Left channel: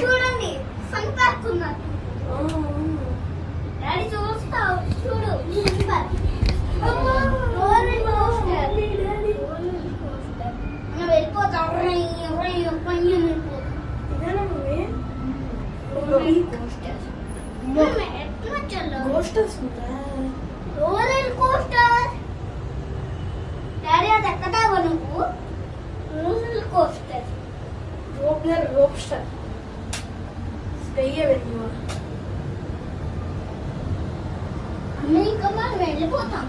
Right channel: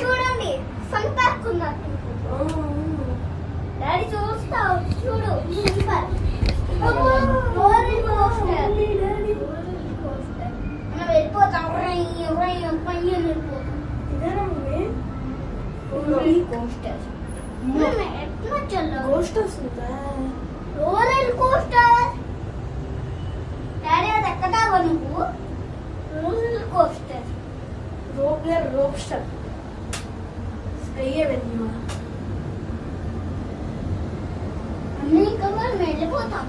చూడండి fun park ఉన్నారు. Daddy చూస్తావు చూడు మనం వెళ్ళిపోతాం. రోలర్ కోస్టర్ డాడీ అది ఎక్కడావా నువ్వు? రోలర్ కోస్టర్ రోప్స్టర్ అమెరికా వెళ్ళిపోతాం.